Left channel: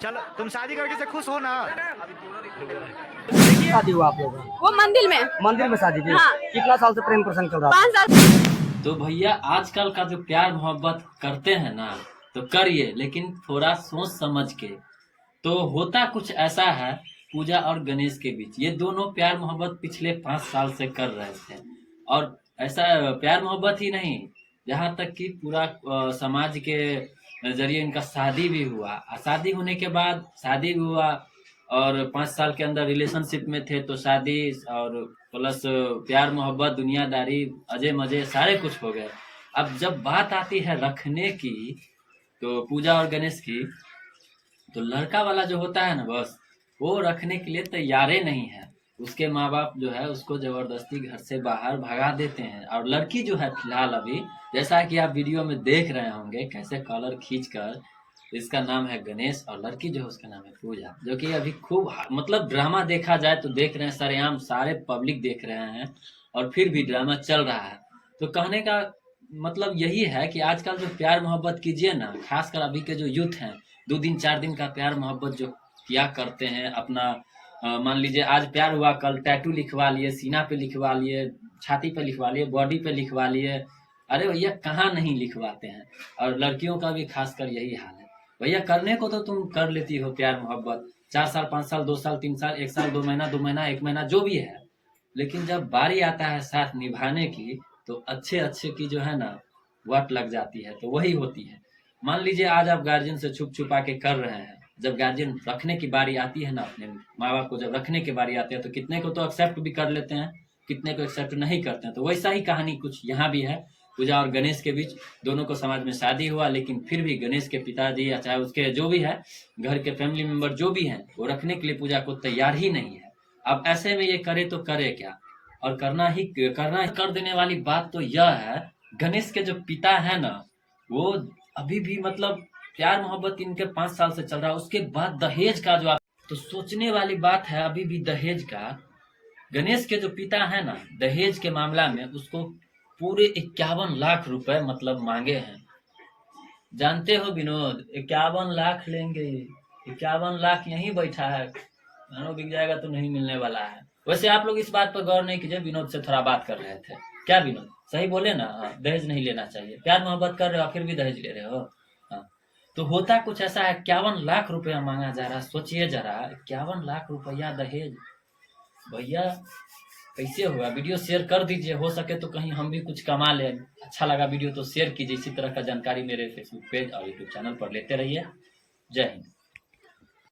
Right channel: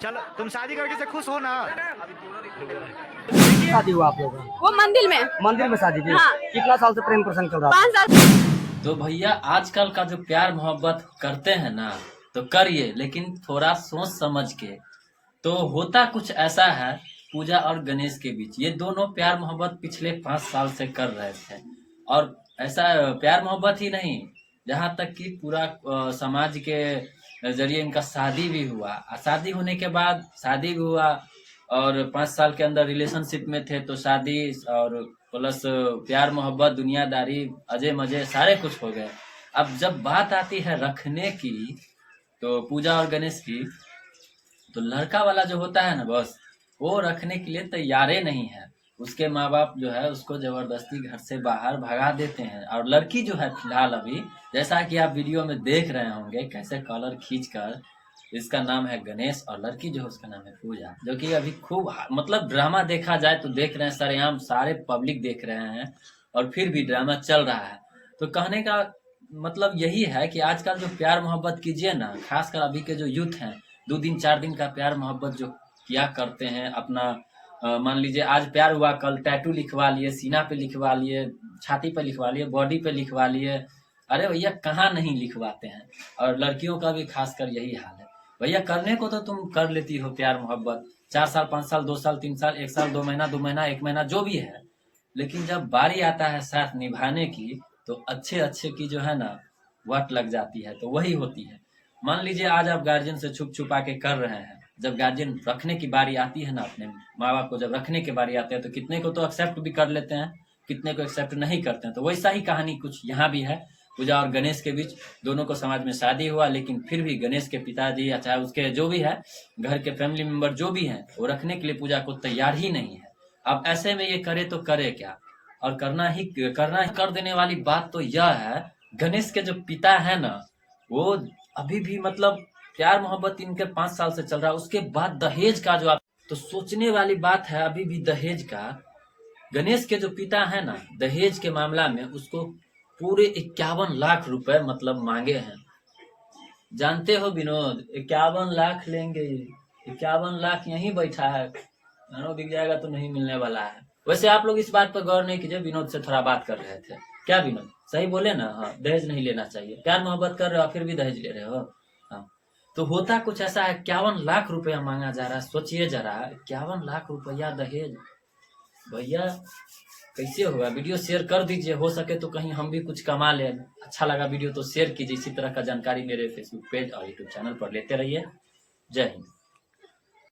चलो तुम शादी करके से खुश हो ना? शादी हुआ आप लोगों का? वो मंदिर में शादी थी? हाँ। कितना साल से प्रेम प्रसंग चल रहा था? 5 साल। तो भैया आजकल का जो प्यार मोहब्बत करते हैं ना, तो करिए, लेकिन थोड़ा सोच समझ के। तो होता कुछ ऐसा है, पूजा और गणेश के बीच ये दोनों प्यार मोहब्बत पिछले 5 साल से कर रहे थे। और ऐसा प्यार मोहब्बत ही नहीं, जहाँ तक कि पूरा समाज के जरिए इनका शादी भी हुआ। शादी होने के बाद शादी भी हुआ, और 5 साल के अंदर रिलेशनशिप में थे तो शादी, और प्लस प्यार मोहब्बत दुनियादारी अजय मजे सारे कुछ हो गए। अब जब बात आती है रखने की, तो पूजा और गणेश की, तो लड़का वाला जो होता है ना, बस वो रखने के लिए तैयार ही नहीं है। उसके माँ बाप जो है उसको जबरदस्ती घर से बाहर भगा देते हैं। और लड़की जो है फिलहाल अभी, जैसा कि आप वीडियो में देख रहे होंगे कैसे कॉलर खींच कर, इसका नाम है गणेश और लड़की जो है उसका नाम है पूजा, जो कि अभी खूब मतलब ड्रामा देखा जाए तो देख रहे हैं सरेआम, सारे पब्लिक देख रहे हैं और फिर भी ड्रामा चल रहा है। तो कहने का मतलब यही है कि आजकल जो प्यार मोहब्बत कीजिए ना, खासकर अभी के जो यूथ हैं, 2 दिन 4 दिन का प्यार मोहब्बत जो किया करते हैं अपना, मान लीजिए आज प्यार हुआ, कल टैटू लिखवा लिए, सीना पे लिखवा लिए, छाती पे लिखवा लिए, बॉडी पे लिखवा लिए। अरे भैया कहाँ नहीं लिखवाते हैं। और लड़कियों का भी खासकर यही हाल है। भैया करने को तो तुम कर लेती हो प्यार मोहब्बत, 4 साल 5 साल 2 साल 3 साल 1 साल 2 महीना 2 महीना 1 महीना जो भी है, लेकिन जब बारी आता है साथ निभाने की, तो अच्छे अच्छे की जो है ना वट लग जाती है, तो वही होती है। मान लीजिए आज आप गार्जियन से छुप छुपा के कर रहे हैं, जब गार्जियन रखने की बारी आती है ना, अपने माँ बाप को जब रखने की बारी आती है, तो कितने को तो एक्सेप्ट भी कर लेते हैं, कितने को एक्सेप्ट नहीं करते हैं। तो वैसा ही कहानी कुछ यहाँ भी है। पूजा और गणेश के बीच दोनों को समाज में शादी हुआ, लेकिन फिर भी गणेश के पिताजी या चाहे उसके जो भी है घर के फैमिली मेंबर जो भी हैं, वो रखने के लिए पूजा को तैयार ही नहीं है। अब ऐसे में ये करे तो करे क्या, और करना ही कर देने वाली बात तो यह है, गणेश के जो पिता है ना, वो अभी भी मतलब प्यार मोहब्बत इनके 5 साल से चल रहा है। उसके बाद दहेज का जो आप, तो सोचने वाली बात है अभी भी दहेज का। गणेश के जो पिता है ना, दहेज के मामला में उसको पूरे 51 लाख रुपए मतलब मांगे हैं। जानते हो विनोद, 51 लाख लेंगे, 51 लाख यहीं बैठा है, मानो बिक जाएगा तो नहीं मिलने वाला है। वैसे आप लोग इस बात पर गौर नहीं कीजिए, विनोद से थोड़ा बात कर रहे थे, क्या विनोद सही बोले ना? हाँ, दहेज नहीं लेना चाहिए, प्यार मोहब्बत कर रहे हो फिर भी दहेज ले रहे हो। हाँ, तो होता कुछ ऐसा है, 51 लाख रुपया मांगा जा रहा है। सोचिए जरा, 51 लाख रुपया दहेज, भैया कैसे होगा? वीडियो शेयर कर दीजिए, हो सके तो कहीं हम भी कुछ कमा ले। अच्छा लगा वीडियो तो शेयर कीजिए। इसी तरह का जानकारी मेरे फेसबुक पेज और यूट्यूब चैनल पर लेते रहिए। जय हिंद।